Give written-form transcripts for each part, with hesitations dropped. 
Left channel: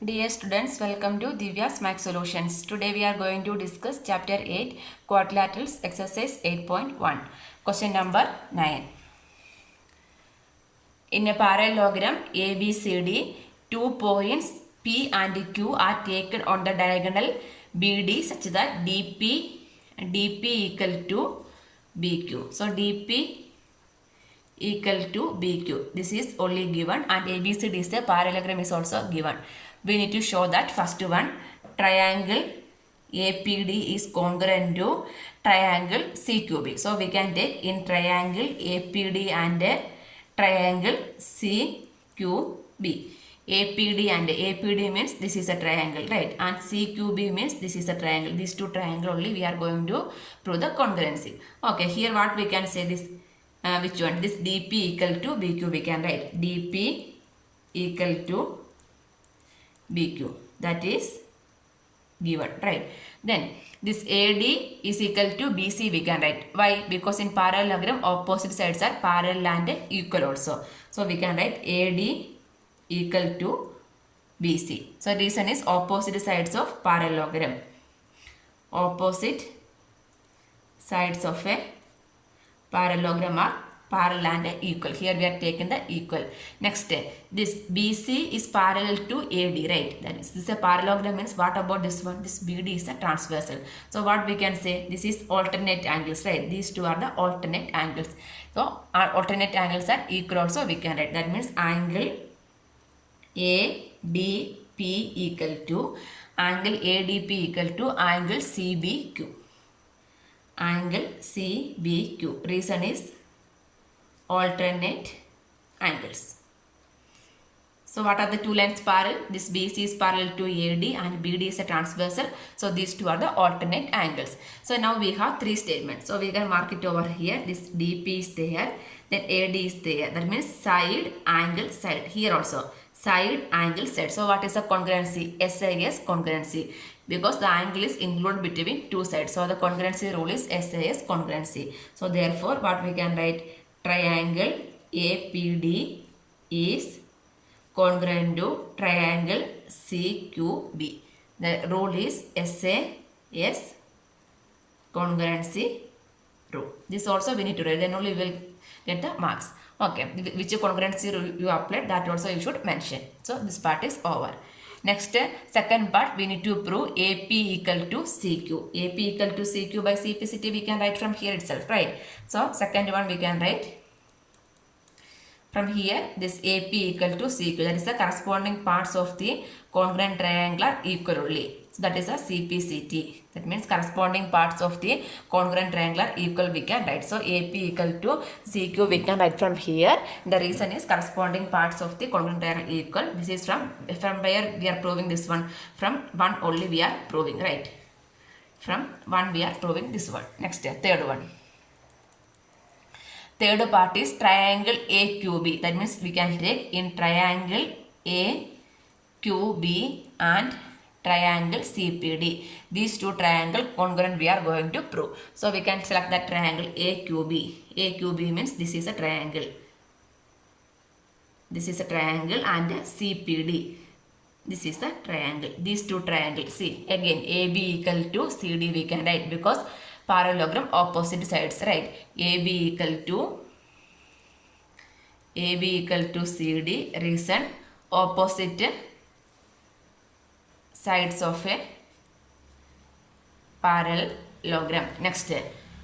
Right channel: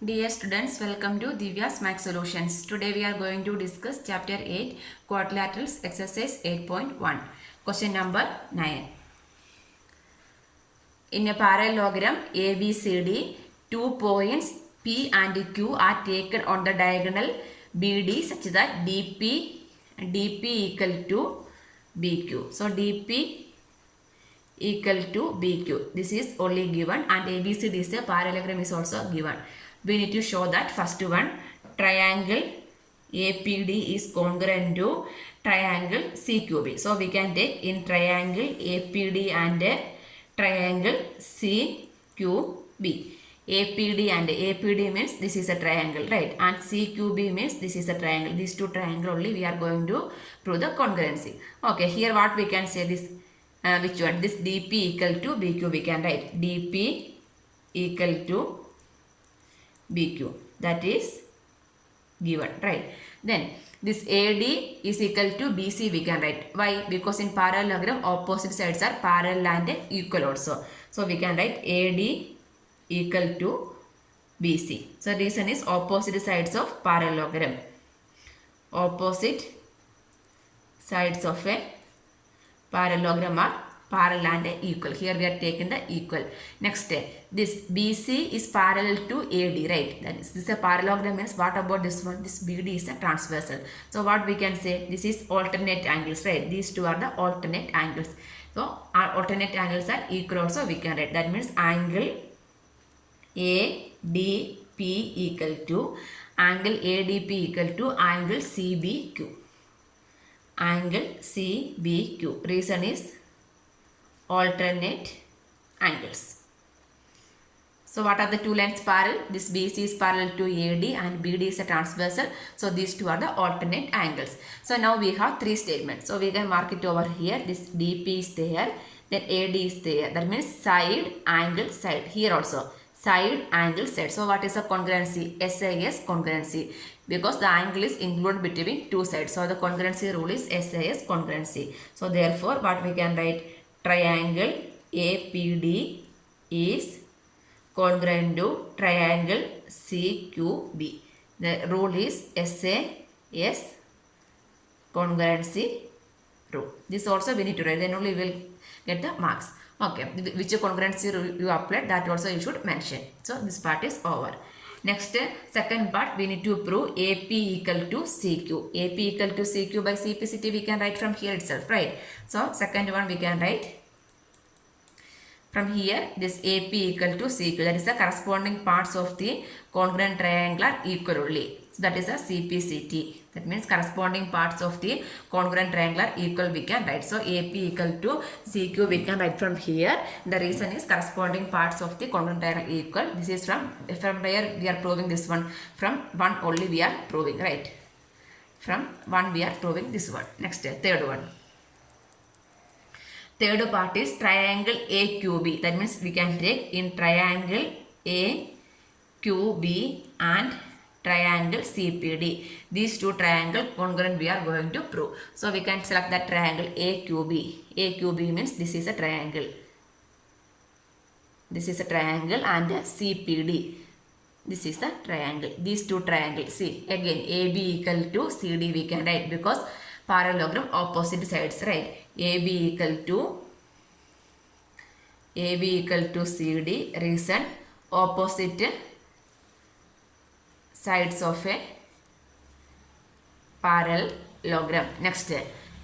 Dear students, welcome to Divya's Math Solutions. Today we are going to discuss Chapter 8, Quadrilaterals, Exercise 8.1. Question number 9. In a parallelogram ABCD, 2 points P and Q are taken on the diagonal BD such that DP equal to BQ. So DP equal to BQ. This is only given, and ABCD is a parallelogram is also given. We need to show that first one, triangle APD is congruent to triangle CQB. So we can take in triangle APD and triangle CQB. APD and APD means this is a triangle, right? And CQB means this is a triangle. These two triangle only we are going to prove the congruency. Okay, here what we can say this, which one? This DP equal to BQ we can write. DP equal to BQ. That is given, right? Then this AD is equal to BC we can write. Why? Because in parallelogram opposite sides are parallel and equal also. So we can write AD equal to BC. So reason is opposite sides of parallelogram. Opposite sides of a parallelogram are parallel and equal. Here we are taking the equal. Next, this BC is parallel to AD, right? That is, this is a parallelogram means what about this one? This BD is a transversal. So what we can say? This is alternate angles, right? These two are the alternate angles. So our alternate angles are equal also we can write. That means angle ADP equal to angle ADP equal to angle CBQ. Angle CBQ. Reason is alternate angles. So what are the two lines parallel? This BC is parallel to AD and BD is a transversal. So these two are the alternate angles. So now we have three statements. So we can mark it over here. This DP is there. Then AD is there. That means side, angle, side. Here also side, angle, side. So what is the congruency? SAS congruency. Because the angle is included between two sides. So the congruency rule is SAS congruency. So therefore what we can write? Triangle APD is congruent to triangle CQB. The rule is SAS congruency rule. This also we need to write, then only we will get the marks. Okay, which congruency rule you applied, that also you should mention. So this part is over. Next, second part we need to prove AP equal to CQ. AP equal to CQ by CPCT we can write from here itself, right? So second one we can write from here, this AP equal to CQ. That is the corresponding parts of the congruent triangle are equal only. So that is a CPCT. That means corresponding parts of the congruent triangle are equal we can write. So AP equal to CQ we can write from here. The reason is corresponding parts of the congruent triangle equal. This is from where we are proving this one. From one only we are proving, right? From one we are proving this one. Next, third one. Third part is triangle AQB. That means we can take in triangle AQB and triangle CPD. These two triangle congruent we are going to prove. So we can select that triangle AQB. AQB means this is a triangle. This is a triangle, and CPD. This is the triangle. These two triangles. See, again AB equal to CD we can write because parallelogram opposite sides, right? AB equal to CD. Reason opposite sides of a parallelogram. Next,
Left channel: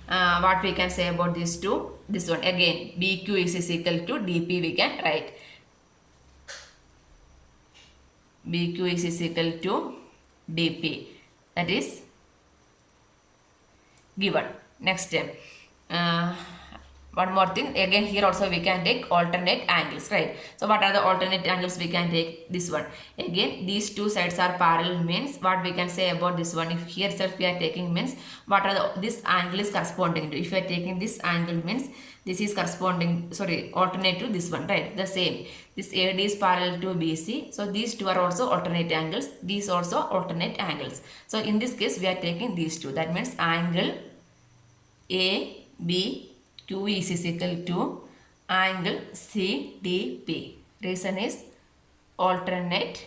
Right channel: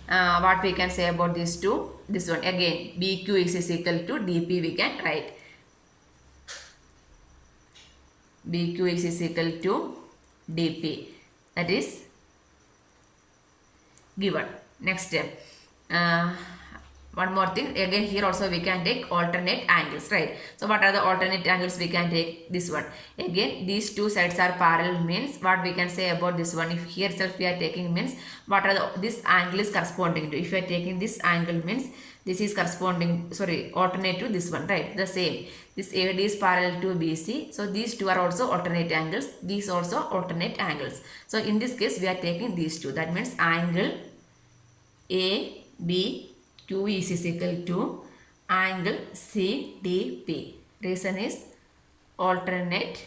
what we can say about these two? This one again BQ is equal to DP we can write. BQ is equal to DP. That is given. Next, one more thing, again here also we can take alternate angles, right? So what are the alternate angles we can take? This one again, these two sides are parallel means what we can say about this one? If here itself we are taking means what are this angle is corresponding to? If you are taking this angle means this is corresponding, alternate to this one, right? The same, this AD is parallel to BC. So these two are also alternate angles. These also alternate angles. So in this case we are taking these two. That means angle ABQ is equal to angle CDP. Reason is alternate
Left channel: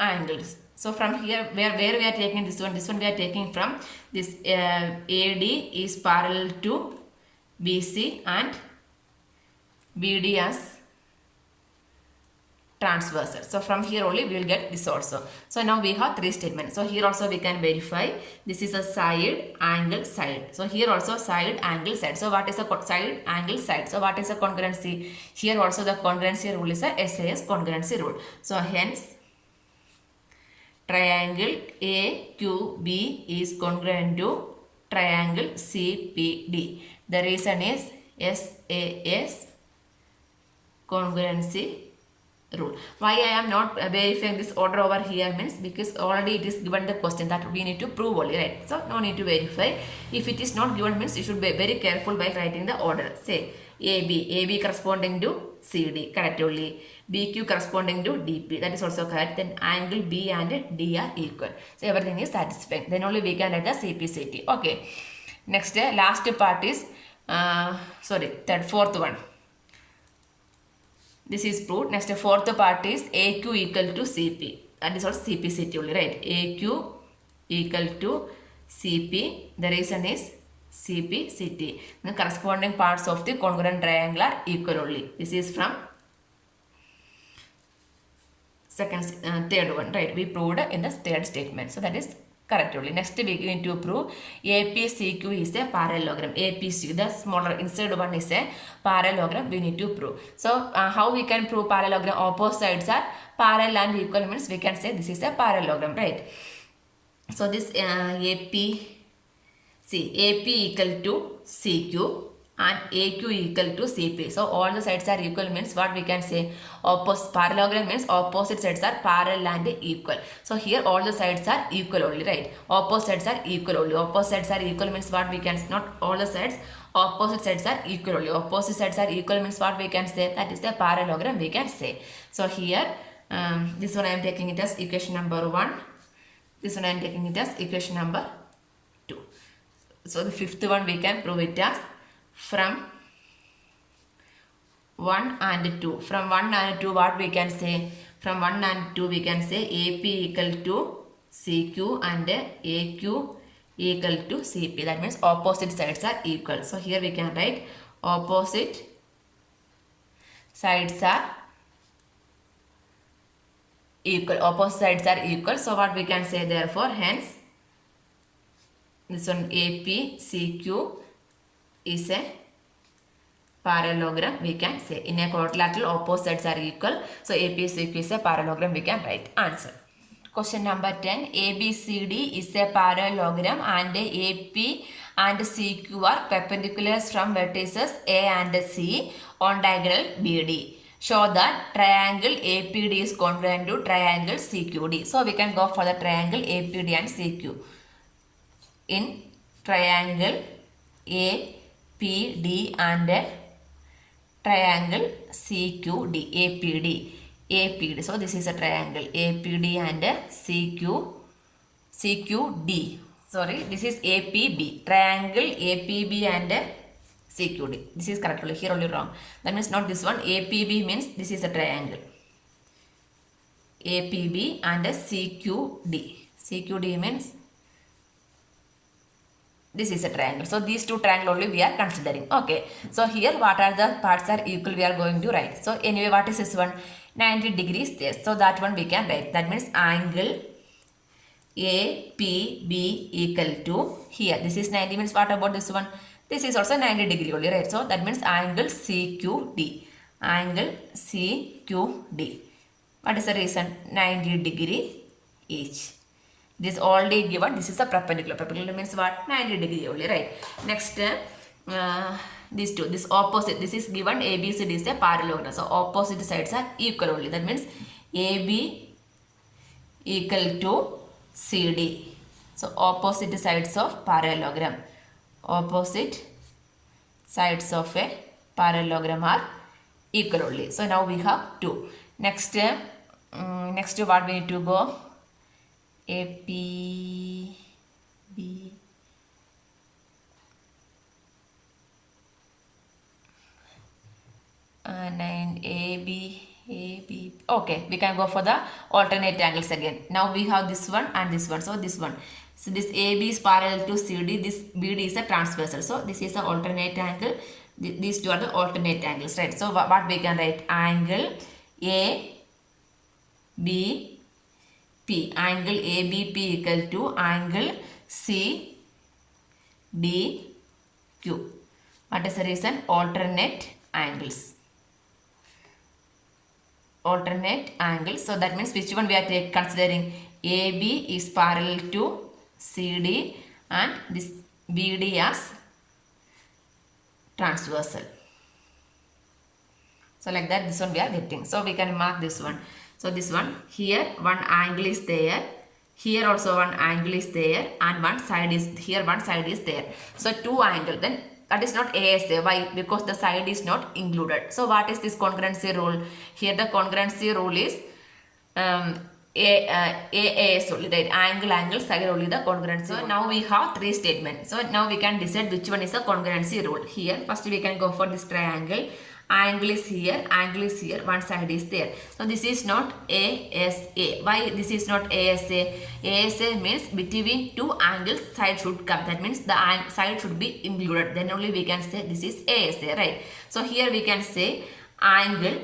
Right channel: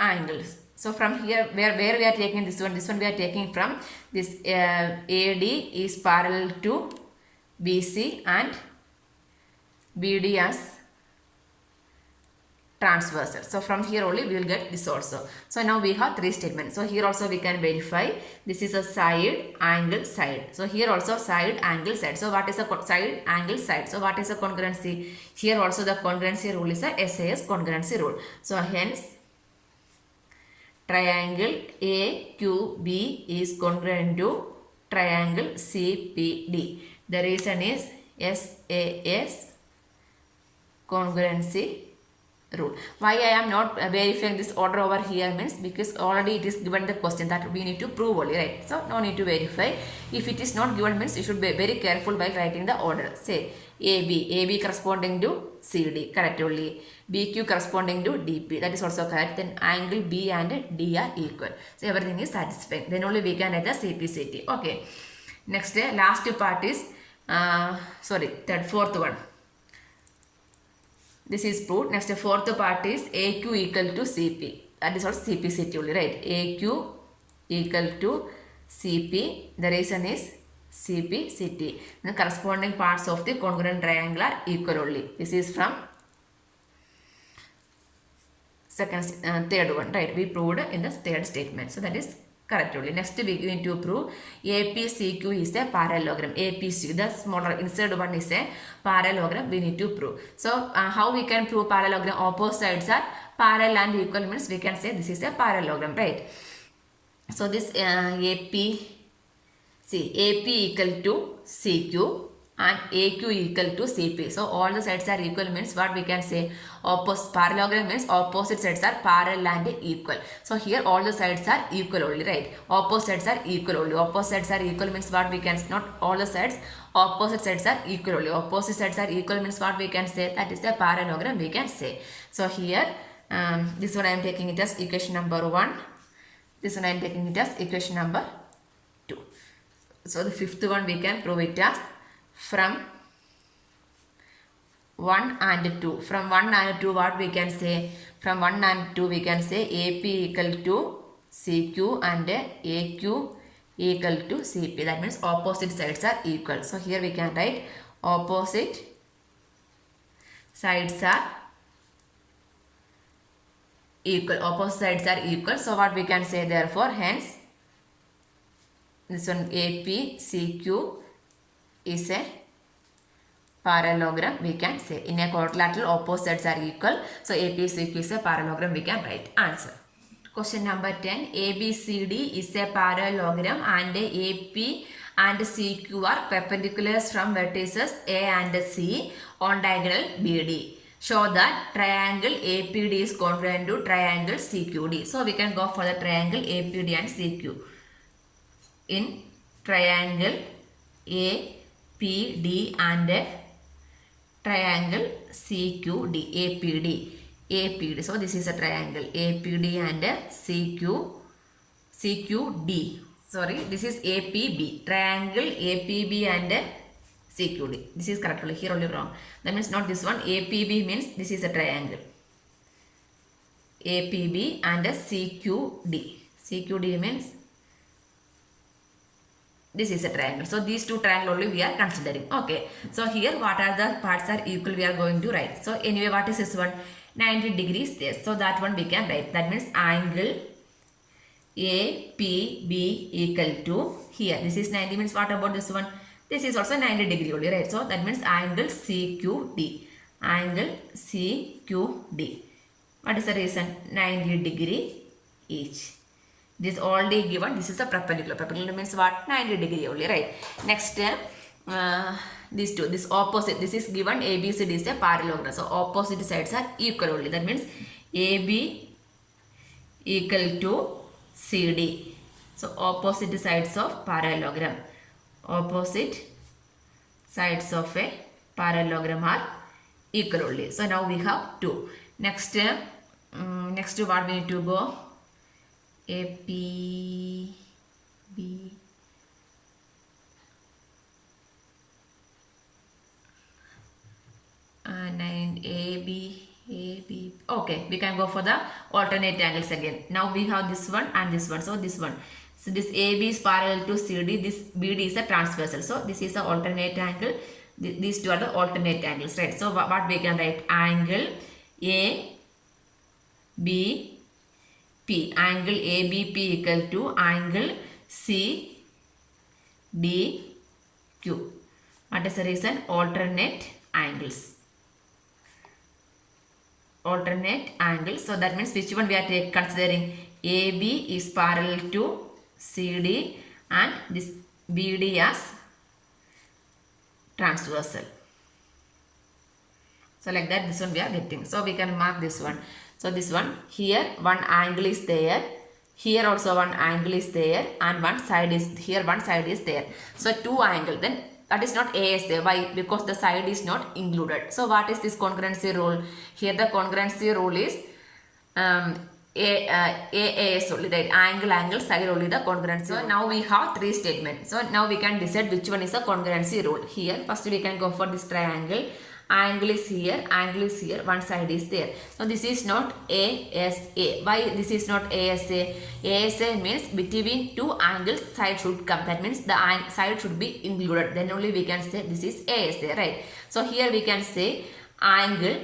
angles. So from here, where we are taking this one we are taking from this AD is parallel to BC and BD as transversal. So from here only we will get this also. So now we have three statements. So here also we can verify this is a side, angle, side. So here also side, angle, side. So what is a side, angle, side? So what is a congruency? Here also the congruency rule is a SAS congruency rule. So hence triangle AQB is congruent to triangle CPD. The reason is SAS congruency rule. Why I am not verifying this order over here means because already it is given the question that we need to prove only, right? So no need to verify. If it is not given means you should be very careful by writing the order. Say AB corresponding to CD, correct only. BQ corresponding to DP, that is also correct. Then angle B and D are equal. So everything is satisfying. Then only we can write the CPCT. Okay. Next, last part is fourth one. This is proved. Next, fourth part is AQ equal to CP. That is also CPCT only, right? AQ equal to CP. The reason is CPCT. The corresponding parts of the congruent triangle are equal only. This is from third one, right? We proved in the third statement. So that is correct only. Next we need to prove APCQ is a parallelogram. APCQ, the smaller inside one is a parallelogram. We need to prove. So how we can prove parallelogram? Opposite sides are parallel and equal means we can say this is a parallelogram, right? So this AP equal to CQ and AQ equal to CP. So all the sides are equal means what we can say? Parallelogram means opposite sides are parallel and equal. So here all the sides are equal only, right? Opposite sides are equal only. Opposite sides are equal means what we can, not all the sides, opposite sides are equal only. Opposite sides are equal means what we can say? That is the parallelogram we can say. So here this one I am taking it as equation number 1. This one I am taking it as equation number 2. So the fifth one we can prove it as from 1 and 2. From 1 and 2 what we can say? From 1 and 2 we can say AP equal to CQ and AQ equal to CP. That means opposite sides are equal. So here we can write opposite sides are equal. Opposite sides are equal. So what we can say therefore? Hence this one APCQ is a parallelogram we can say. In a quadrilateral opposite sides are equal. So APCQ is a parallelogram we can write. Answer. Question number 10. ABCD is a parallelogram and AP and CQ are perpendicular from vertices A and C on diagonal BD. Show that triangle APD is congruent to triangle CQD. So we can go for the triangle APD and CQ. In triangle APD and triangle CQD, APD. So this is a triangle APD and CQD. Sorry, this is APB. Triangle APB and CQD. This is correct only. Here only wrong. That means not this one. APB means this is a triangle. APB and CQD. CQD means this is a triangle. So these two triangles only we are considering. Okay. So here what are the parts are equal we are going to write. So anyway what is this one? 90 degrees there. So that one we can write. That means angle APB equal to here. This is 90 means what about this one? This is also 90 degree only, right? So that means angle CQD. Angle CQD. What is the reason? 90 degree each. This already given. This is a perpendicular. Perpendicular means what? 90 degree only, right? Next, these two. This opposite. This is given. ABCD is a parallelogram. So opposite sides are equal only. That means AB equal to CD. So opposite sides of parallelogram. Opposite sides of a parallelogram are equal only. So now we have 2. Next, next what we need to go? APB and AB A, B. Okay, we can go for the alternate angles again. Now we have this one and this one. So this one. So this AB is parallel to CD. This BD is a transversal. So this is the alternate angle. These two are the alternate angles, right? So what we can write? Angle A, B, P. Angle ABP equal to angle C, D, Q. What is the reason? Alternate angles. Alternate angles. So that means which one we are considering? AB is parallel to CD and this BD as transversal. So like that, this one we are getting. So we can mark this one. So this one, here one angle is there. Here also one angle is there and one side is here, one side is there. So two angle, then that is not ASA. Why? Because the side is not included. So what is this congruency rule? Here the congruency rule is AAS only, right? Angle, side only the congruency. So now we have three statements. So now we can decide which one is the congruency rule. Here first we can go for this triangle. Angle is here, one side is there. So this is not ASA. Why this is not ASA? ASA means between two angles side should come. That means the side should be included. Then only we can say this is ASA, right? So here we can say angle.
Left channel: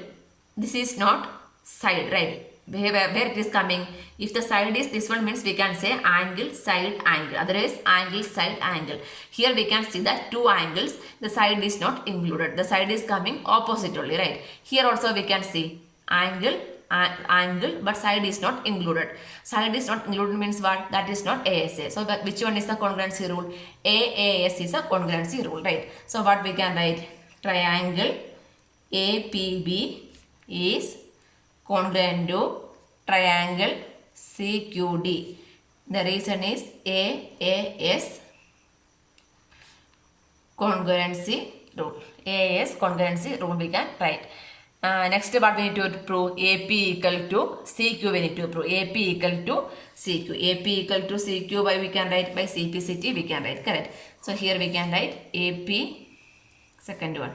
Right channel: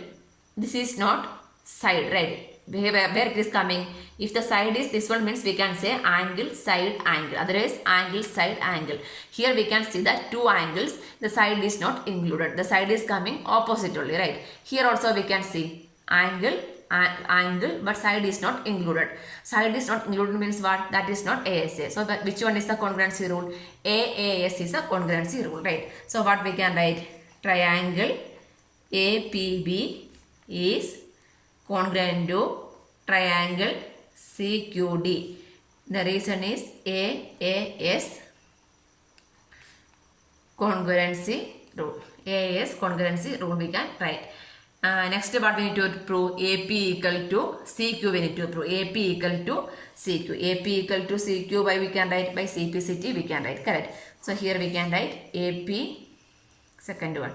This is not side, right? Where it is coming? If the side is this one means we can say angle, side, angle. Otherwise angle, side, angle. Here we can see that two angles, the side is not included. The side is coming opposite only, right? Here also we can see angle, angle, but side is not included. Side is not included means what? That is not ASA. So which one is the congruency rule? AAS is a congruency rule, right? So what we can write? Triangle APB is congruent to triangle CQD. The reason is AAS congruency rule. AAS congruency rule we can write. Next what we need to prove? AP equal to CQ we need to prove. AP equal to CQ. AP equal to CQ by we can write by CPCT we can write. Correct. So here we can write AP, second one.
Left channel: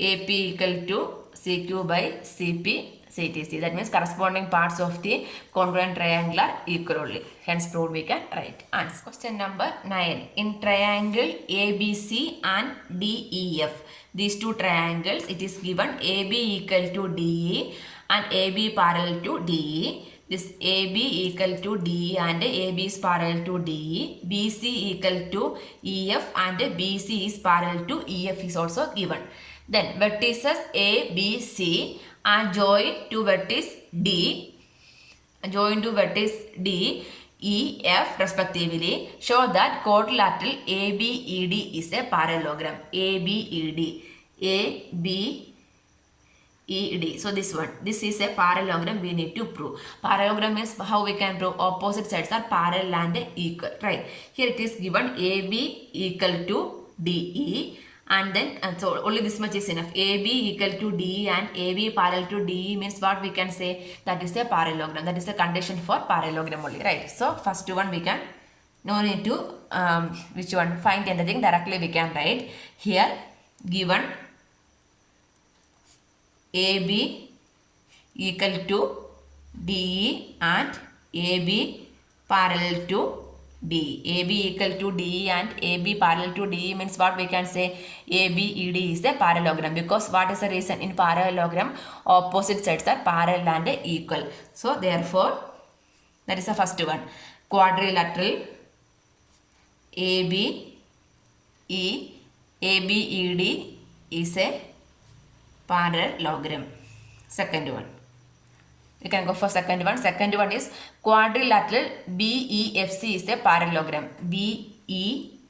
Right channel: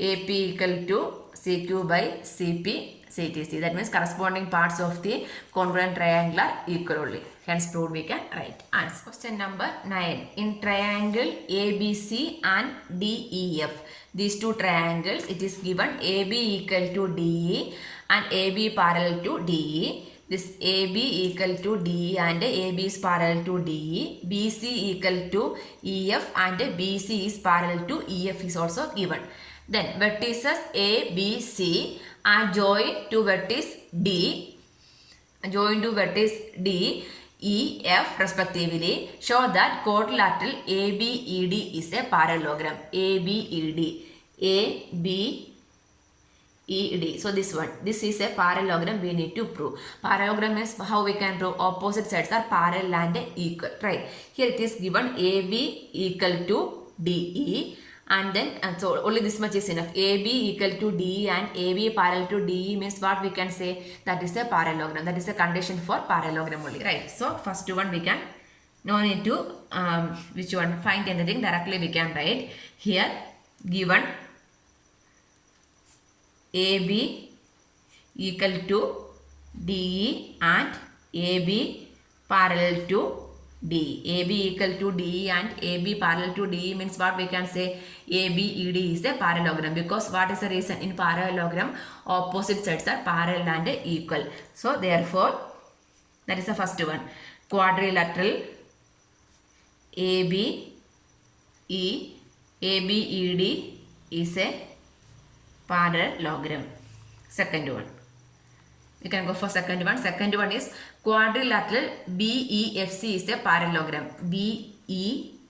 AP equal to CQ by CP CTC. That means corresponding parts of the congruent triangle are equal only. Hence proved we can write. Answer. Question number 9. In triangle ABC and DEF, these two triangles, it is given AB equal to DE and AB parallel to DE. This AB equal to DE and AB is parallel to DE. BC equal to EF and BC is parallel to EF is also given. Then vertices A, B, C are joined to vertex D, E, F respectively. Show that quadrilateral ABED is a parallelogram. ABED. So this one, this is a parallelogram we need to prove. Parallelogram means how we can prove? Opposite sides are parallel and equal, right? Here it is given AB equal to DE. And then so only this much is enough. AB equal to DE and AB parallel to DE means what we can say? That is a parallelogram. That is a condition for parallelogram only, right? So first one we can, no need to which one, find anything, directly we can write. Here given AB equal to DE and AB parallel to DE. AB equal to DE and AB parallel to DE means what we can say? ABED is a parallelogram, because what is the reason? In parallelogram opposite sides are parallel and equal. So therefore that is the first one. Quadrilateral ABED is a parallelogram. Second one. We can go for second one. Second one is quadrilateral BEFC is a parallelogram. BEFC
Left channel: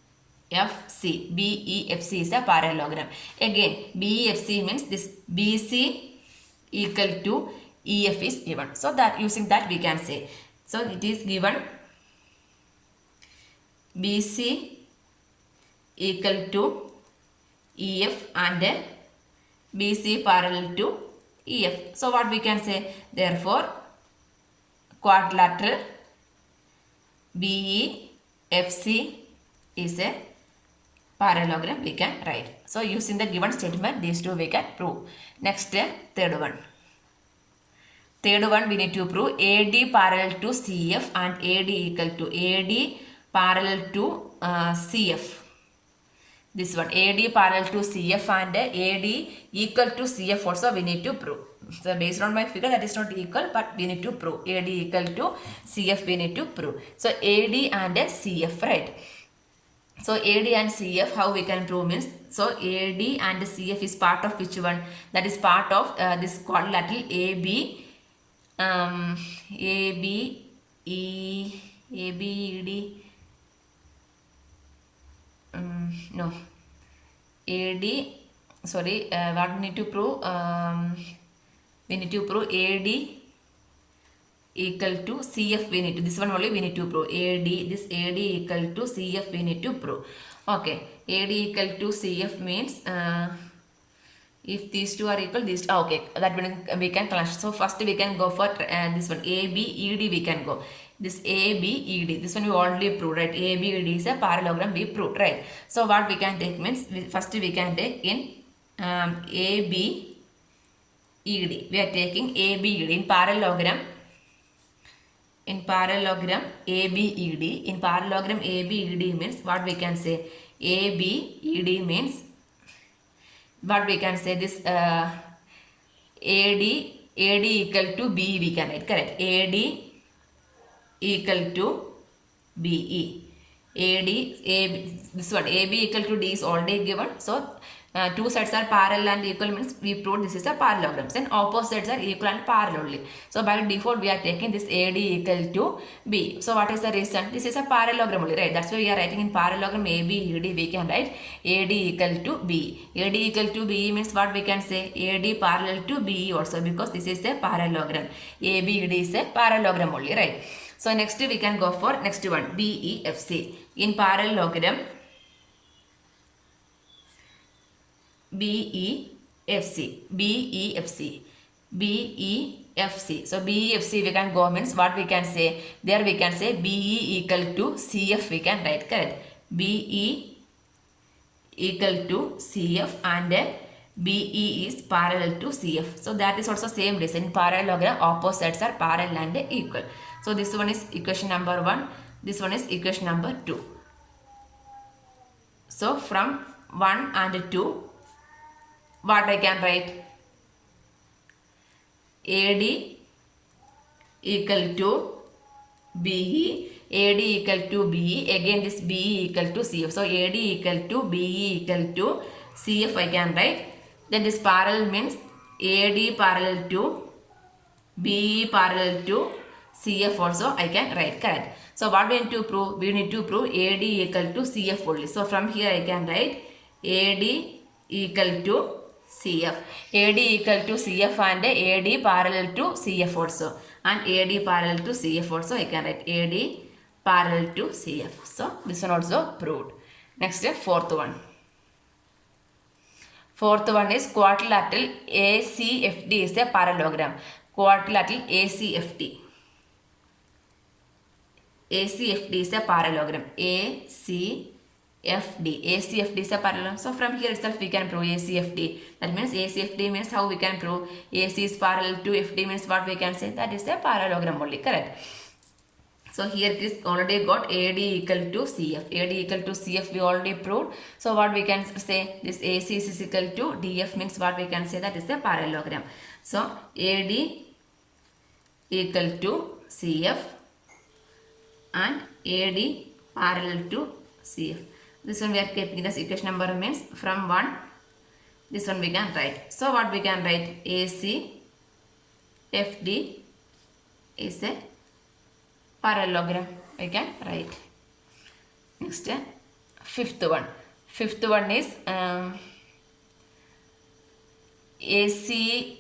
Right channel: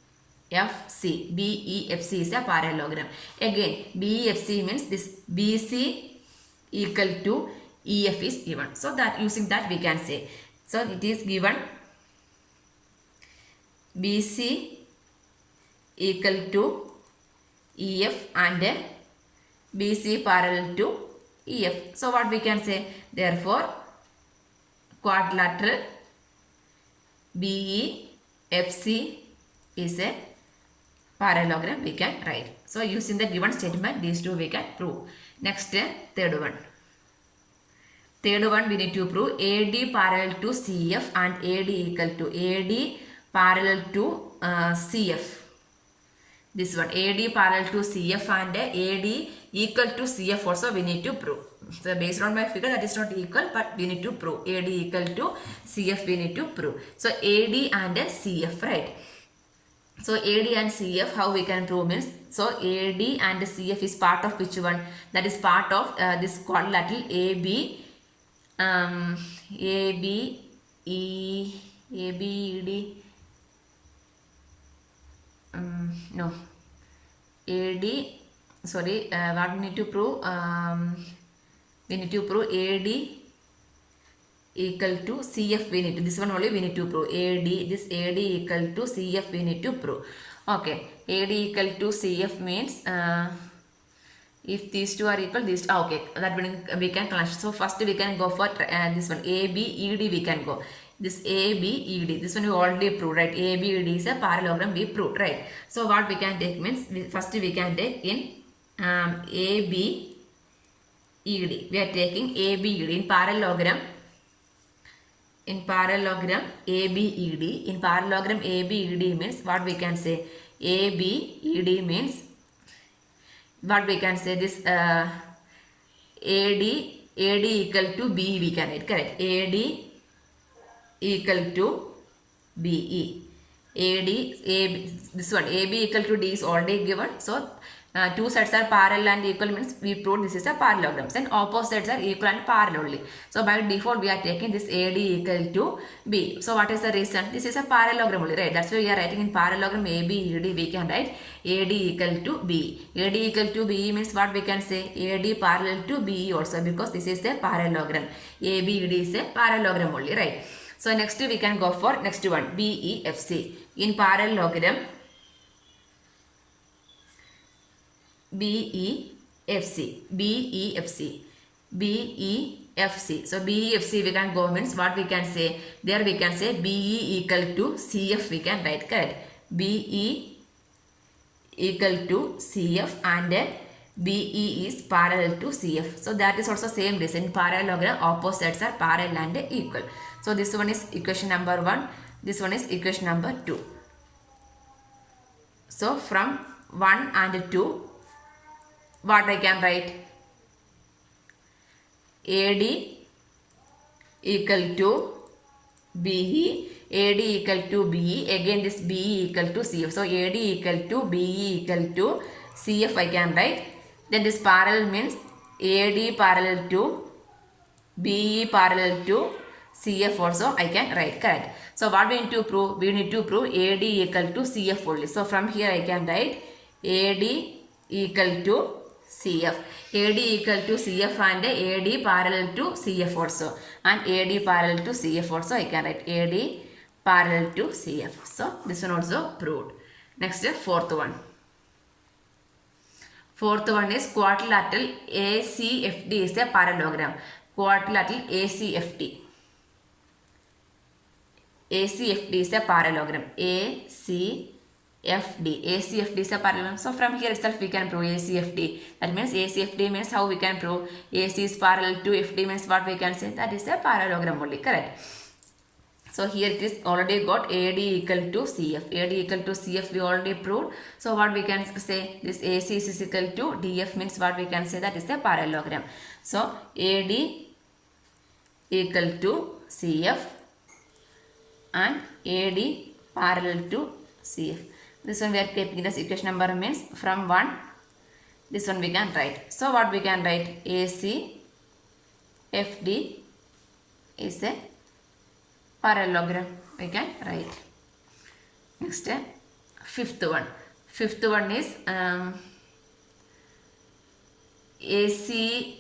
is a parallelogram. Again, BEFC means this BC equal to EF is given. So that using that we can say. So it is given BC equal to EF and BC parallel to EF. So what we can say? Therefore quadrilateral BEFC is a parallelogram we can write. So using the given statement, these two we can prove. Next, third one. Third one we need to prove AD parallel to CF and AD equal to AD parallel to CF. This one AD parallel to CF and AD equal to CF also we need to prove. So based on my figure that is not equal, but we need to prove AD equal to CF we need to prove. So AD and CF, right? So AD and CF, how we can prove means, so AD and CF is part of which one? That is part of this quadrilateral AB, ABED, no, AD, sorry, what we need to prove? We need to prove AD equal to CF we need to, this one only we need to prove AD, this AD equal to CF we need to prove. Okay, AD equal to CF means if these two are equal, these, okay, that we can clash. So first we can go for this one ABED we can go. This ABED, this one we already proved, right? ABED is a parallelogram we proved, right? So what we can take means, first we can take in ABED, we are taking ABED in parallelogram. In parallelogram ABED, in parallelogram ABED means what we can say? ABED means what we can say, this AD equal to B we can write, correct? AD equal to BE. This one AB equal to D is already given. So two sides are parallel and equal means we proved this is a parallelogram. Then opposites are equal and parallel only. So by default we are taking this AD equal to B. So what is the reason? This is a parallelogram only, right? That's why we are writing in parallelogram ABED we can write AD equal to B. AD equal to B means what we can say? AD parallel to BE also, because this is a parallelogram. ABED is a parallelogram only, right? So next we can go for next one BEFC. In parallelogram BEFC. So BEFC we can go means what we can say? There we can say BE equal to CF we can write, correct? BE equal to CF and BE is parallel to CF. So that is also same reason. In parallelogram opposites are parallel and equal. So this one is equation number 1. This one is equation number 2. So from 1 and 2, what I can write? AD equal to BE, AD equal to BE, again this BE equal to CF. So AD equal to BE equal to CF I can write. Then this parallel means AD parallel to BE parallel to CF also I can write, correct? So what we need to prove? We need to prove AD equal to CF only. So from here I can write AD equal to CF. AD equal to CF and AD parallel to CF also. And AD parallel to CF also I can write AD parallel to CF. So this one also proved. Next fourth one. Fourth one is quadrilateral ACFD is a parallelogram. Quadrilateral ACFD. ACFD is a parallelogram. ACFD is a parallelogram. So from here itself we can prove ACFD. That means ACFD means how we can prove AC is parallel to FD means what we can say? That is a parallelogram only, correct? So here it is already got AD equal to CF. AD equal to CF we already proved. So what we can say? This AC is equal to DF means what we can say? That is a parallelogram. So AD equal to CF and AD parallel to CF. This one we are keeping as equation number means from 1. This one we can write. So what we can write? AC FD is a parallelogram. We can write. Next, fifth one. Fifth one is AC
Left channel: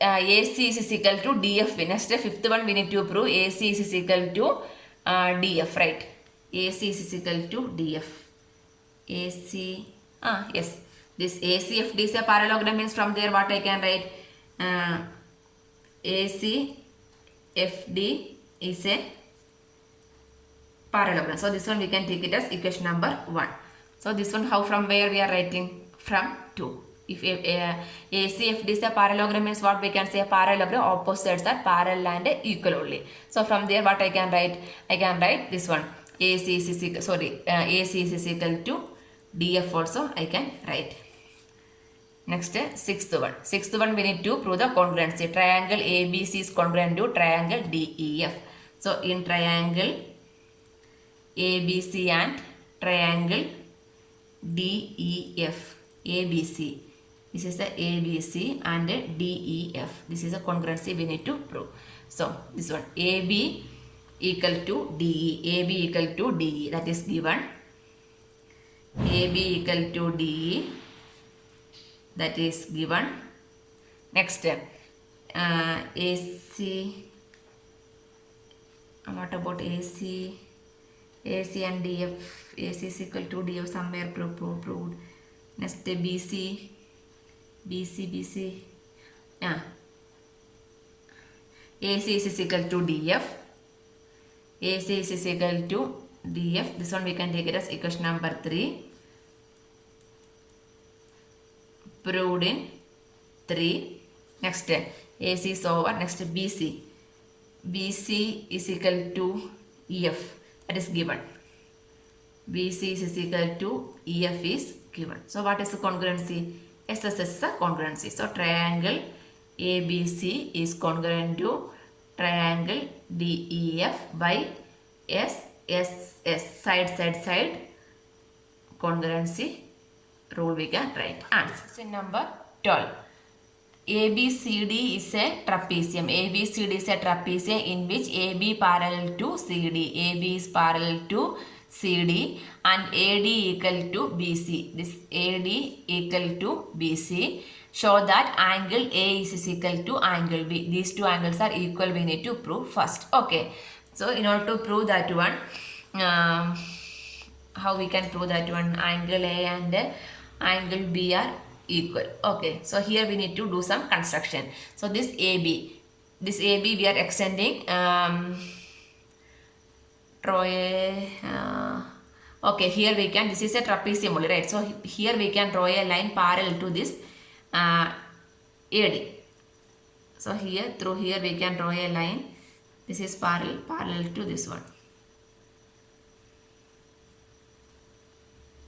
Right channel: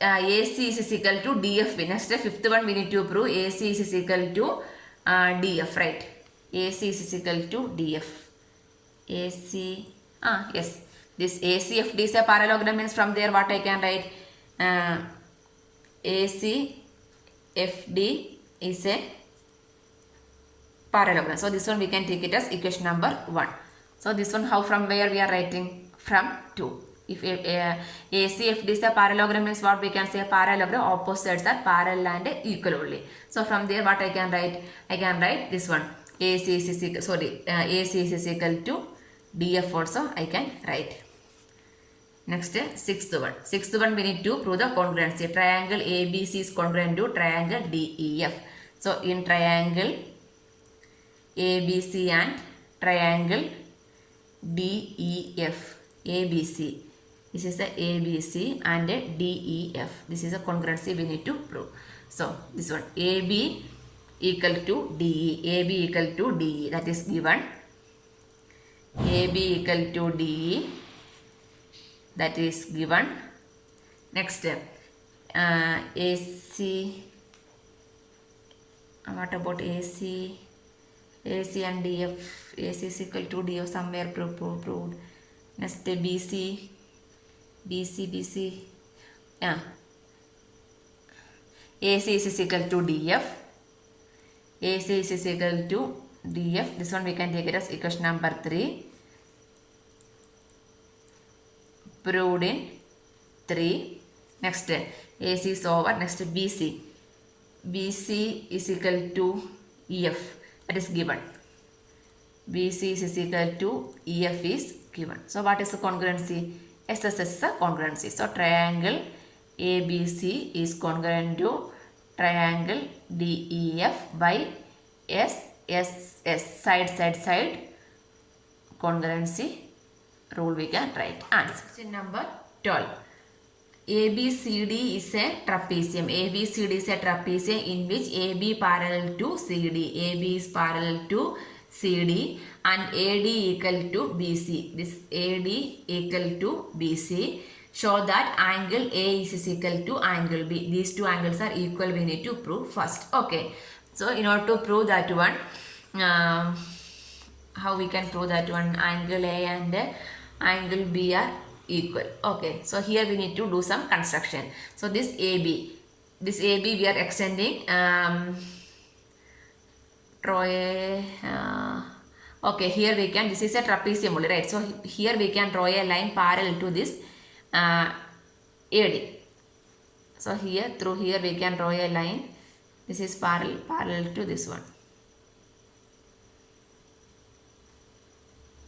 is equal to DF. Next, fifth one we need to prove AC is equal to DF, right? AC is equal to DF. AC, yes. This ACFD is a parallelogram means from there what I can write? ACFD is a parallelogram. So this one we can take it as equation number 1. So this one how from where we are writing? From 2. If ACFD is a parallelogram means what we can say, a parallelogram opposites are parallel and equal only. So from there what I can write? I can write this one. AC is equal to DF also I can write. Next, sixth one. Sixth one, we need to prove the congruency. Triangle ABC is congruent to triangle DEF. So in triangle ABC and triangle DEF, ABC. This is the ABC and DEF. This is a congruency we need to prove. So this one, AB equal to DE. AB equal to DE, that is given. AB equal to DE, that is given. Next, AC. What about AC? AC and DF. AC is equal to DF, somewhere proved. Next, BC. Yeah. AC is equal to DF. AC is equal to DF. This one we can take it as equation number 3. Proved in 3. Next, AC is over. Next, BC. BC is equal to EF. That is given. BC is equal to EF is given. So what is the congruency? SSS is the congruency. So triangle ABC is congruent to triangle DEF by SSS. Side. Congruency rule we can write. Answer. Question number 12. ABCD is a trapezium. ABCD is a trapezium in which AB parallel to CD. AB is parallel to CD and AD equal to BC. This AD equal to BC. Show that angle A is equal to angle B. These two angles are equal. We need to prove first. Okay. So in order to prove that one, how we can prove that one? Angle A and angle B are equal. Okay, so here we need to do some construction. So this AB we are extending okay, here we can, this is a trapezium only, right? So here we can draw a line parallel to this AD. So here, through here we can draw a line. This is parallel to this one.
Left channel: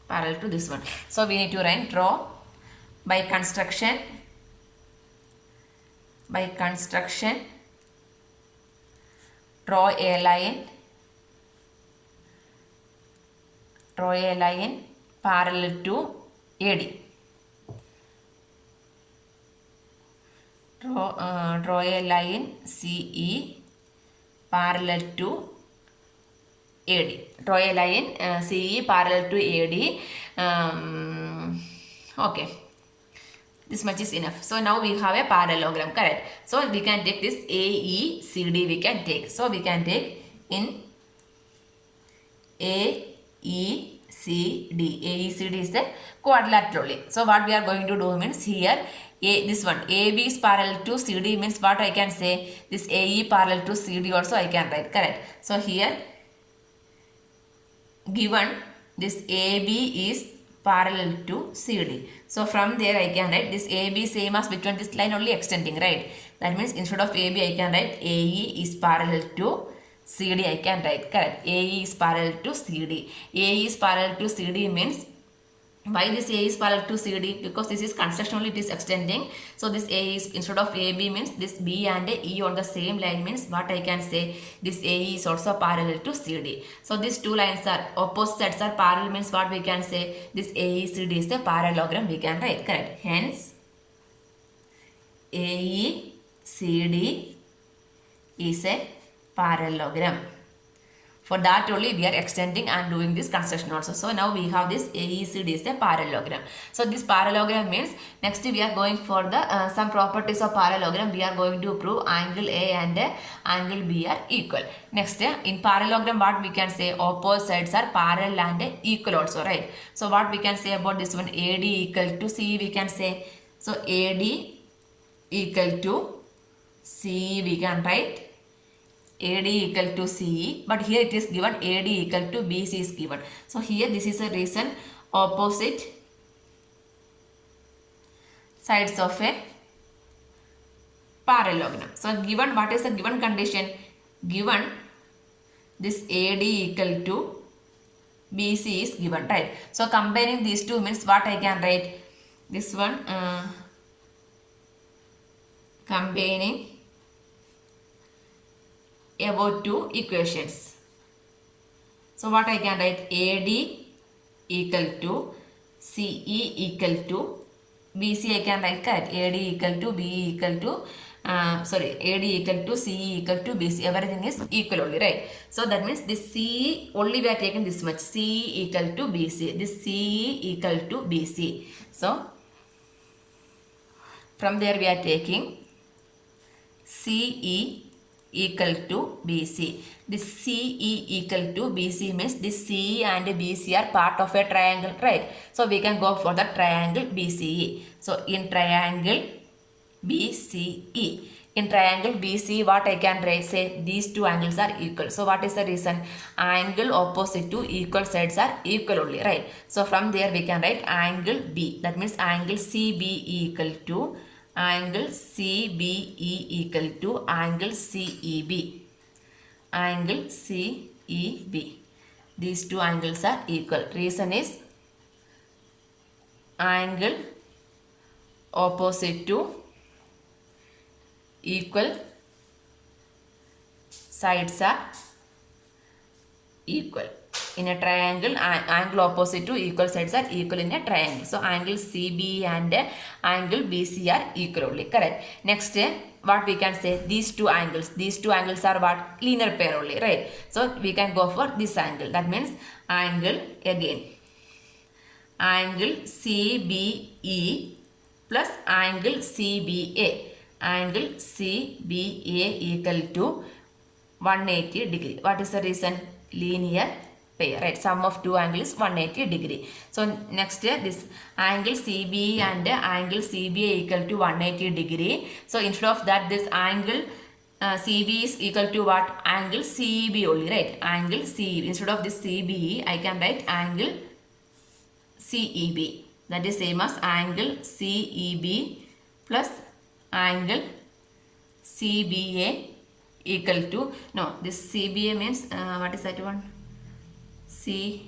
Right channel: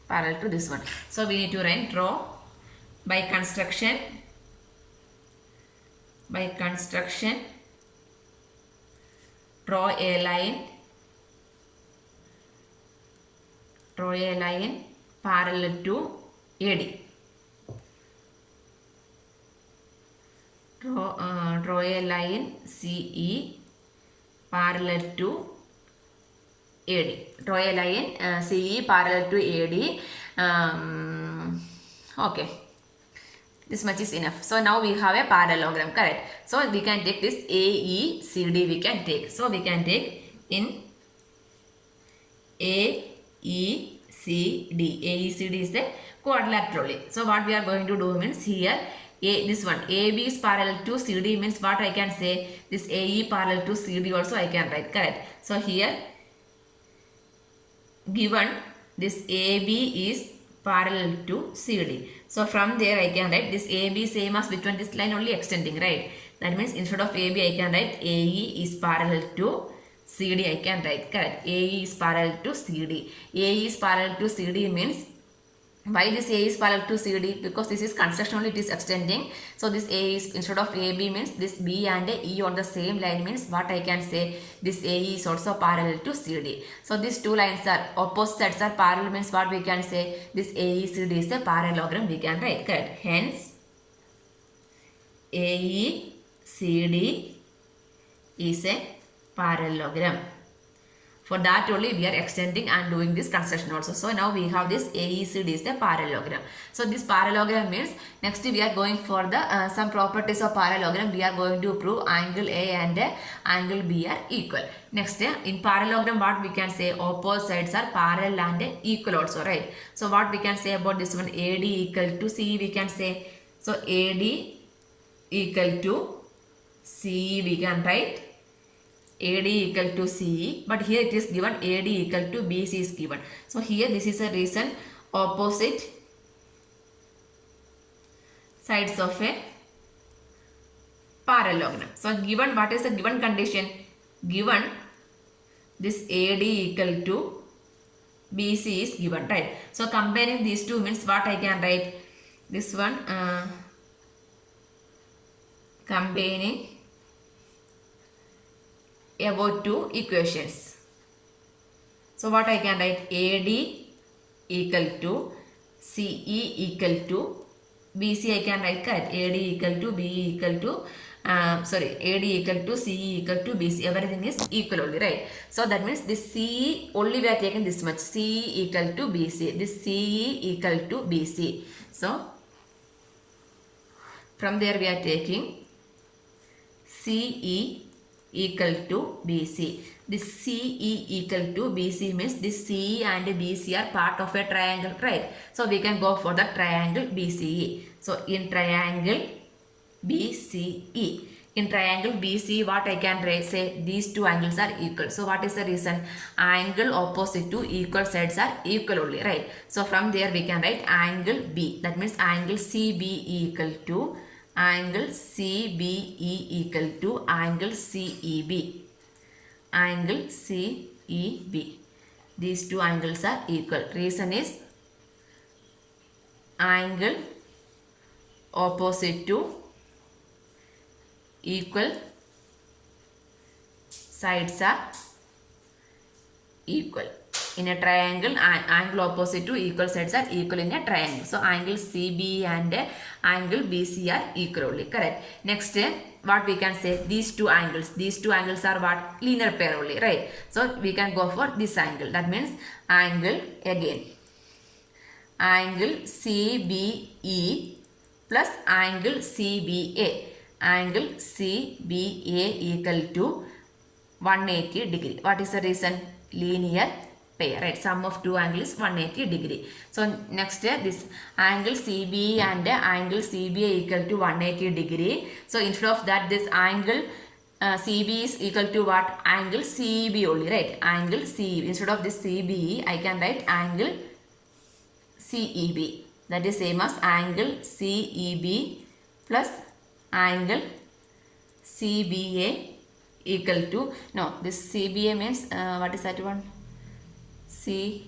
Parallel to this one. So we need to draw by construction. Draw a line parallel to AD. Draw a line CE parallel to AD. Draw a line CE parallel to AD. Okay. This much is enough. So now we have a parallelogram, correct? So we can take this AECD we can take. So we can take in AECD. AECD is a quadrilateral. So what we are going to do means here, this one AB is parallel to CD means what I can say, this AE parallel to CD also I can write, correct? So here given this AB is parallel to CD. So from there I can write this AB same as between this line only extending, right? That means instead of AB I can write AE is parallel to CD I can write, correct? AE is parallel to CD. AE is parallel to CD means, why this A is parallel to CD? Because this is construction only, it is extending. So this A is, instead of AB means this B and E on the same line means what I can say, this AE is also parallel to CD. So these two lines are opposite sides are parallel means what we can say, this AECD is a parallelogram we can write, correct? Hence AECD is a parallelogram. For that only we are extending and doing this construction also. So now we have this AECD is a parallelogram. So this parallelogram means next we are going for the some properties of parallelogram. We are going to prove angle A and angle B are equal. Next in parallelogram what we can say, opposite sides are parallel and equal also, right? So what we can say about this one, AD equal to CE we can say. So AD equal to CE we can write. AD equal to CE, but here it is given AD equal to BC is given. So here this is a reason opposite sides of a parallelogram. So given, what is the given condition? Given this AD equal to BC is given, right? So combining these two means what I can write? This one combining about two equations. So what I can write? AD equal to CE equal to BC I can write, correct? AD equal to BE equal to AD equal to CE equal to BC. Everything is equal only, right? So that means this CE only we are taking this much. CE equal to BC. This CE equal to BC. So from there we are taking CE equal to BC. This CE equal to BC means this CE and BC are part of a triangle, right? So we can go for the triangle BCE. So in triangle BCE, in triangle BCE, what I can say? These two angles are equal. So what is the reason? Angle opposite to equal sides are equal only, right? So from there we can write angle B. That means angle CBE equal to angle CBE equal to angle CEB. Angle CEB. These two angles are equal. Reason is angle opposite to equal sides are equal. In a triangle, angle opposite to equal sides are equal in a triangle. So angle CB and angle BC are equal only, correct? Next, what we can say? These two angles are what? Linear pair only, right? So we can go for this angle. That means angle again, angle CBE plus angle CBA. Angle CBA equal to 180 degree. What is the reason? Linear pair, right? Sum of two angles 180 degree. So next, this angle CBE and angle CBA equal to 180 degree. So instead of that, this angle CB is equal to what? Angle CB only, right? Angle CB. Instead of this CBE, I can write angle CEB. That is same as angle CEB plus angle CBA equal to, no, this CBA means what is that one? Angle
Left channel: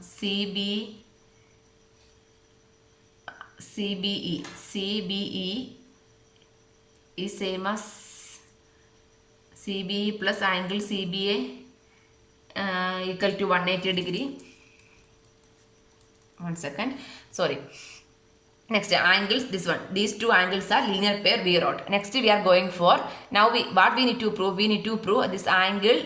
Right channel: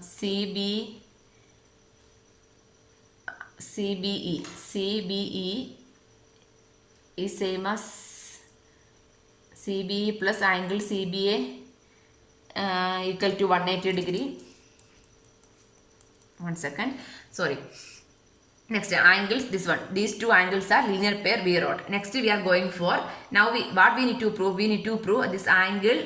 CBE is same as CBE plus angle CBA equal to 180 degree. One second, sorry. Next, angles, this one, these two angles are linear pair, we wrote. Next we are going for, now what we need to prove? We need to prove this angle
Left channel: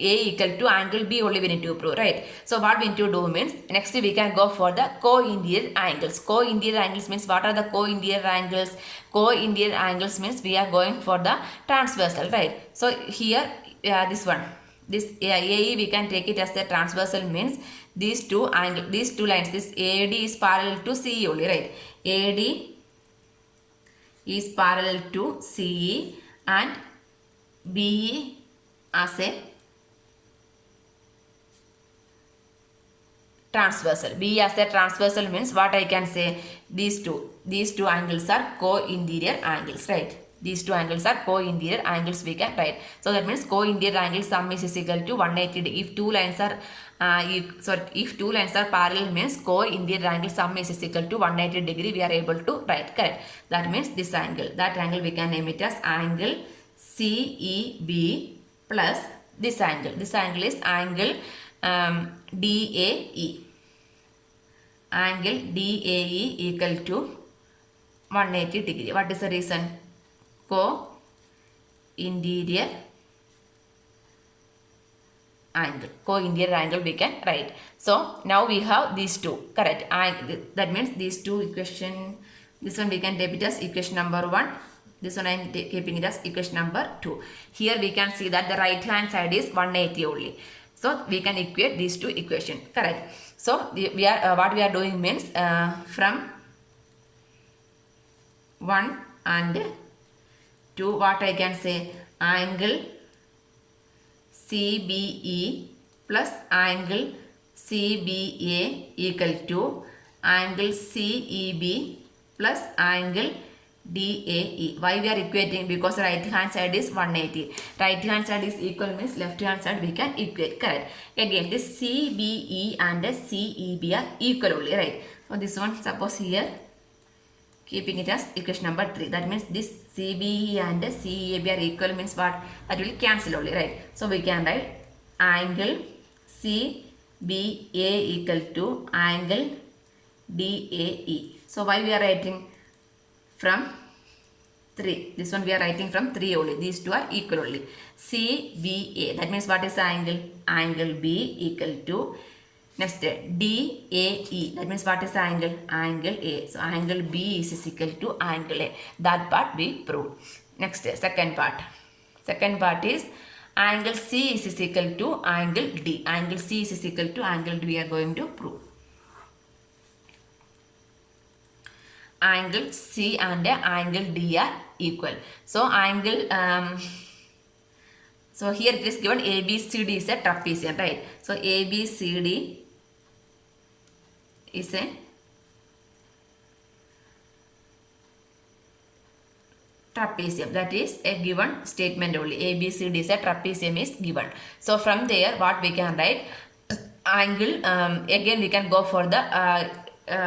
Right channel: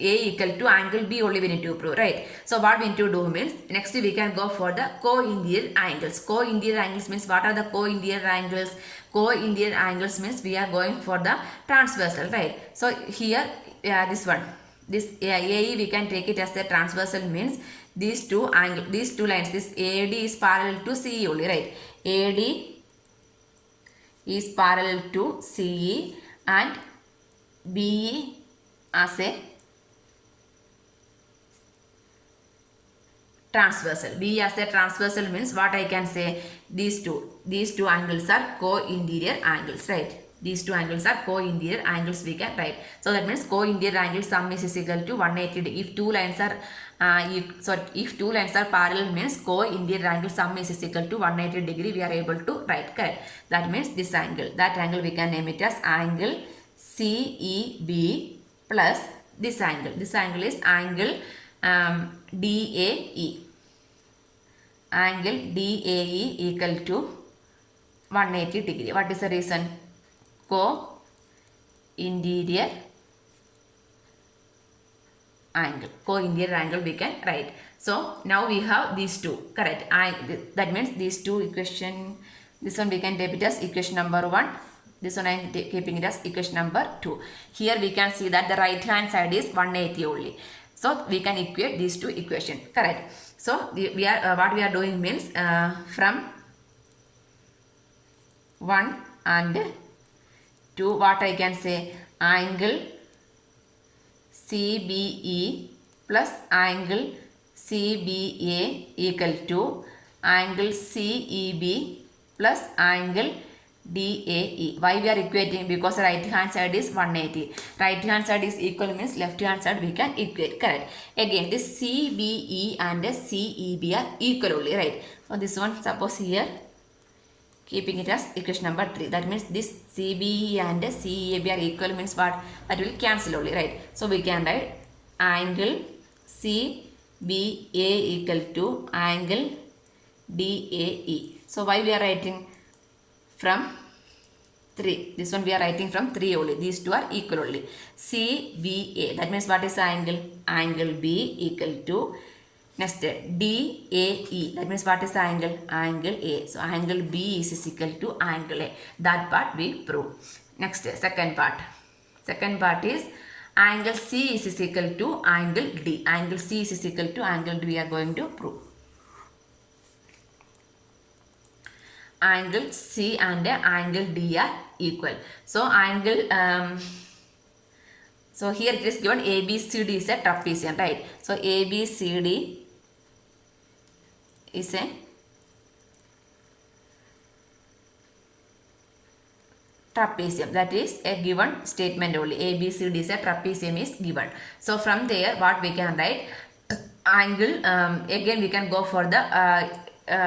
A equal to angle B only we need to prove, right? So what we need to do means, next we can go for the co-interior angles. Co-interior angles means, what are the co-interior angles? Co-interior angles means we are going for the transversal, right? So here this one, this AE we can take it as the transversal, means these two lines, this AD is parallel to CE only, right? AD is parallel to CE and BE as a transversal. B as a transversal means what I can say? These two angles are co-interior angles, right? These two angles are co-interior angles we can write. So that means co-interior angle sum is equal to 180 degree. If two lines are parallel means co-interior angle sum is equal to 180 degree we are able to write, correct? That means this angle, that angle we can name it as angle CEB plus this angle. This angle is angle DAE. Angle DAE equal to 180 degree. What is the reason? Co-interior angle. Co-interior angle we can write. So now we have these two, correct? That means these two equation, this one we can take it as equation number 1. This one I am keeping it as equation number 2. Here we can see that the right hand side is 180 only. So we can equate these two equations, correct? So we are what we are doing means from 1 and 2, what I can say? Angle CBE plus angle CBA equal to angle CEB plus angle DAE. Why we are equating? Because right hand side is 180. Right hand side is equal means left hand side we can equate. Correct. Again this CBE and CEB are equal only, right? So this one, suppose here keeping it as equation number 3. That means this CBE and CEB are equal means what? That will cancel only, right? So we can write angle CBA equal to angle DAE. So why we are writing from 3? This one we are writing from 3 only. These two are equal only. CBA, that means what is the angle? Angle B equal to, next DAE, that means what is the angle? Angle A. So angle B is equal to angle A. That part we proved. Next, second part. Second part is angle C is equal to angle D. Angle C is equal to angle D we are going to prove. Angle C and angle D are equal. So angle, so here it is given ABCD is a trapezium, right? So ABCD is a trapezium. That is a given statement only. ABCD is a trapezium is given. So from there what we can write? Angle, again we can go for the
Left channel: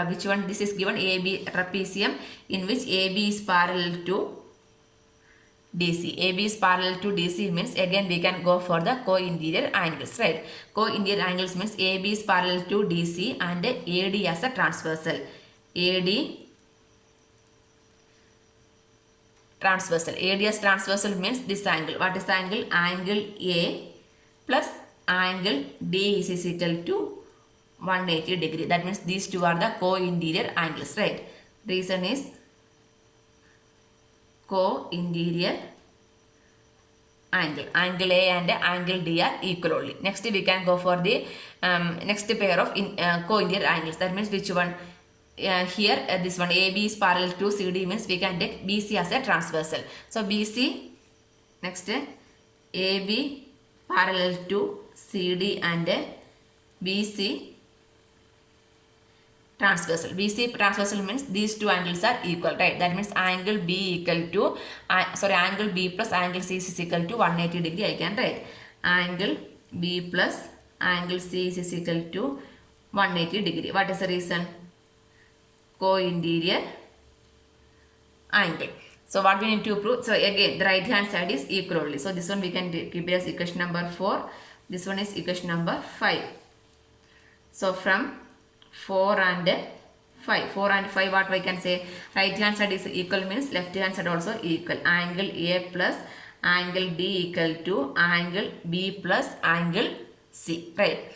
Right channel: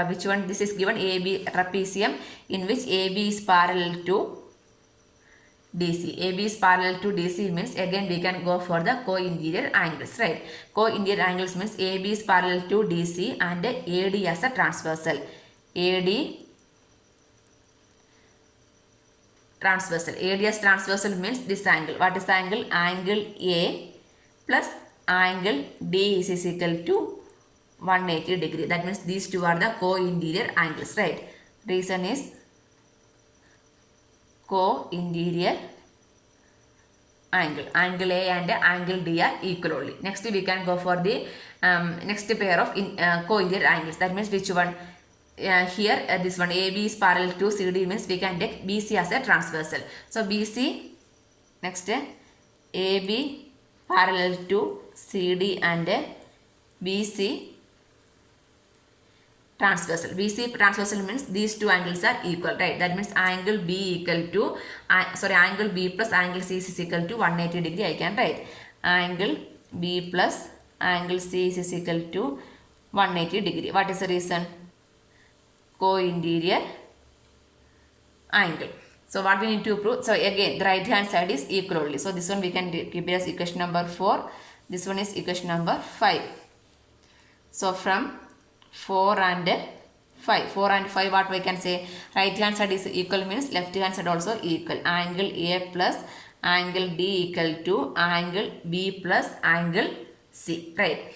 which one? This is given AB trapezium in which AB is parallel to DC. AB is parallel to DC means again we can go for the co-interior angles, right? Co-interior angles means AB is parallel to DC and AD as a transversal. AD transversal. AD as transversal means this angle. What is the angle? Angle A plus angle D is equal to 180 degree. That means these two are the co-interior angles, right? Reason is co-interior angle. Angle A and angle D are equal only. Next we can go for the next pair of co-interior angles. That means which one? Here this one AB is parallel to CD means we can take BC as a transversal. So BC, next AB parallel to CD and BC transversal. BC transversal means these two angles are equal, right? That means angle B equal to, angle B plus angle C is equal to 180 degree. I can write angle B plus angle C is equal to 180 degree. What is the reason? Co-interior angle. So what we need to prove? So again the right hand side is equal only. So this one we can keep it as equation number 4. This one is equation number 5. So from 4 and 5 what we can say? Right hand side is equal means left hand side also equal. Angle A plus angle D equal to angle B plus angle C, right?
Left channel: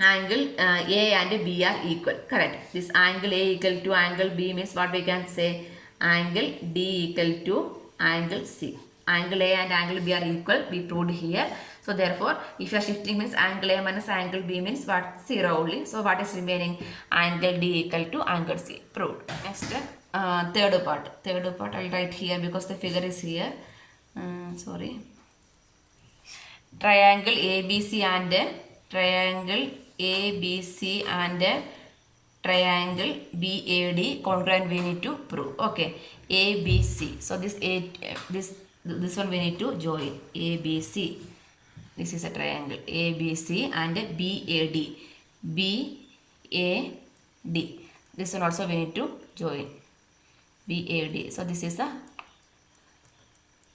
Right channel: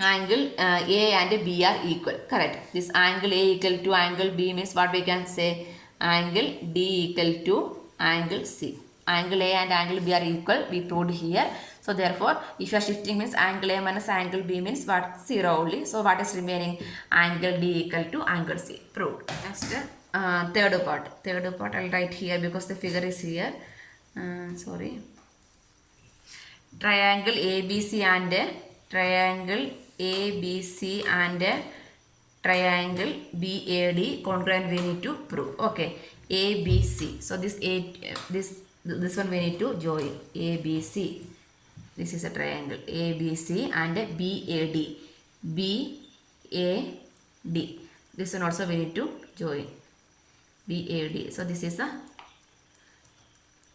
Angle A and B are equal, correct? This angle A equal to angle B means what we can say? Angle D equal to angle C. Angle A and angle B are equal, we proved here. So therefore if you are shifting means angle A minus angle B means what? 0 only. So what is remaining? Angle D equal to angle C. Proved. Next third part. Third part I will write here because the figure is here. Sorry. Triangle ABC and triangle ABC and triangle BAD congruent we need to prove. Okay, ABC. So this one we need to join. ABC. This is a triangle ABC and BAD. BAD. This one also we need to join. BAD. So this is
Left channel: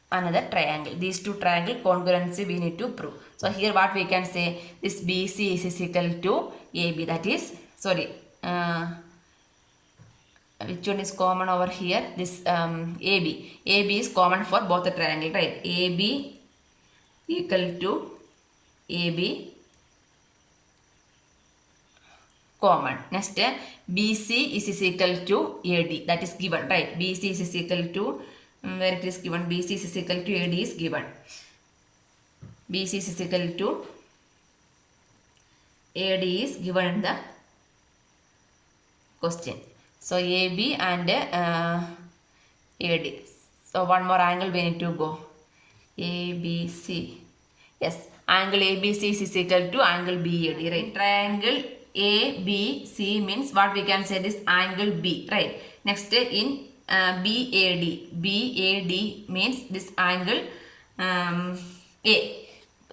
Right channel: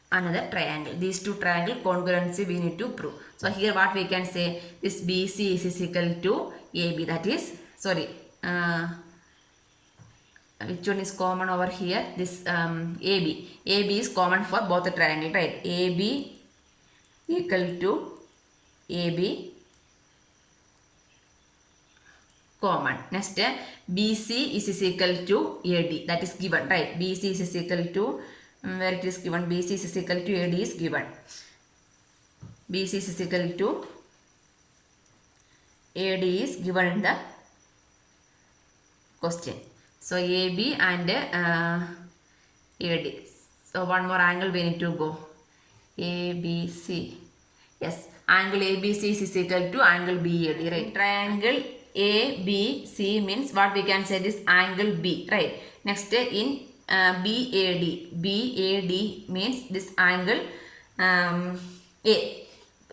another triangle. These two triangle congruency we need to prove. So here what we can say? This BC is equal to AB. That is, sorry, which one is common over here? This AB. AB is common for both the triangle, right? AB equal to AB common. Next BC is equal to AD. That is given, right? BC is equal to where it is given? BC is equal to AD is given. BC is equal to AD is given in the question. So AB and AD. So one more angle we need to go. ABC. Yes. angle ABC is equal to angle BAD, right? Triangle ABC means what we can say this angle B, right? Next in BAD means this angle A.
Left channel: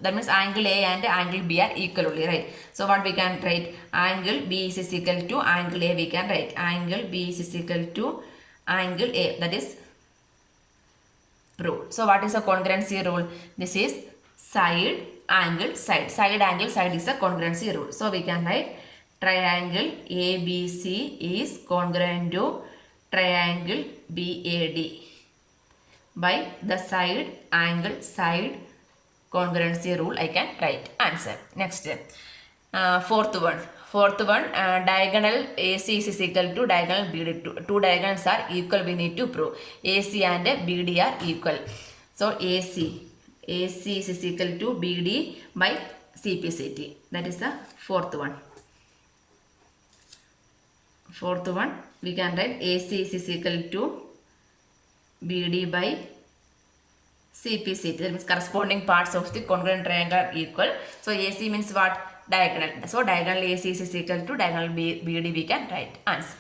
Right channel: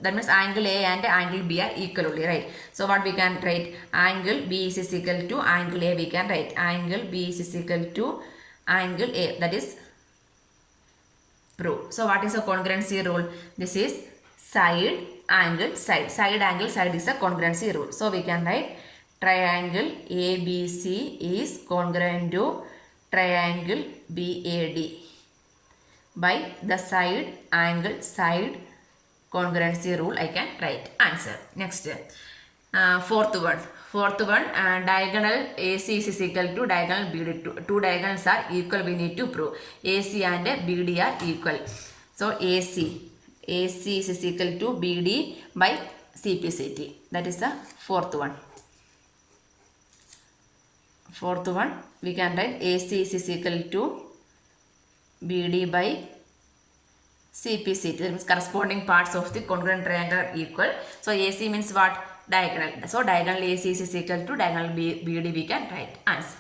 That means angle A and angle B are equal only, right? So what we can write, angle B is equal to angle A, we can write angle B is equal to angle A, that is proved. So what is a congruency rule? This is side angle side. Side angle side is a congruency rule. So we can write triangle ABC is congruent to triangle BAD by the side angle side congruency rule. I can write answer. Next, fourth one, diagonal AC is equal to diagonal BD. Two diagonals are equal, we need to prove. AC and BD are equal. So AC is equal to BD by CPCT. That is the fourth one. Fourth one, we can write AC is equal to BD by CPCT. That means corresponding parts of the congruent triangle are equal. So AC means what? Diagonal. So diagonal AC is equal to diagonal BD, we can write answer.